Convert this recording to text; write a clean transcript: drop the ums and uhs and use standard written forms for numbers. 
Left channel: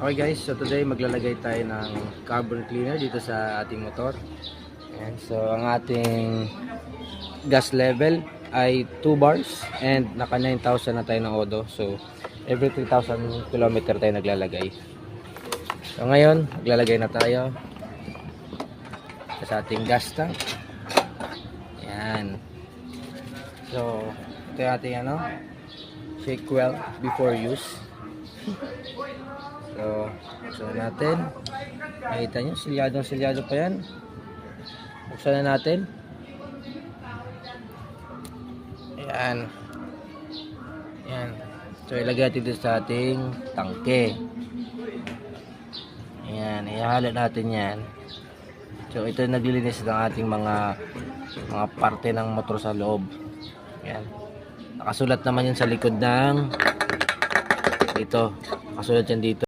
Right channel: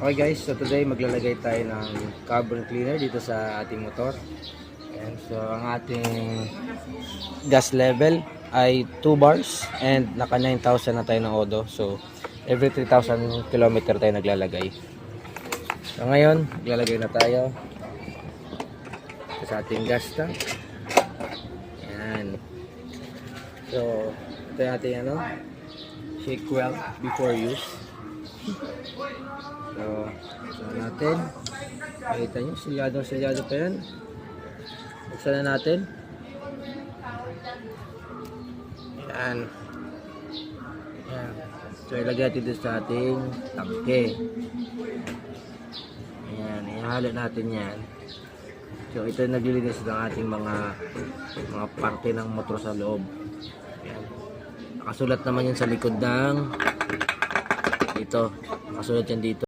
Okay guys, so today maglalagay tayo ng carbon cleaner dito sa ating motor. And so ang ating gas level ay 2 bars and naka 9,000 na tayo ng odo. So every 3,000 kilometer tayo naglalagay. So ngayon, maglalagay na tayo sa ating gas tank. Yan. So ito yung ating shake well before use. So natin. Makita nyo, silyado pa yan. Buksan na natin. Yan. Yan. So ilagay natin dito sa ating tangke. Yan. Ihalo natin yan. So ito yung naglilinis ng ating mga parte ng motor sa loob. Yan. Nakasulat naman yan sa likod ng dito. Nakasulat yan dito.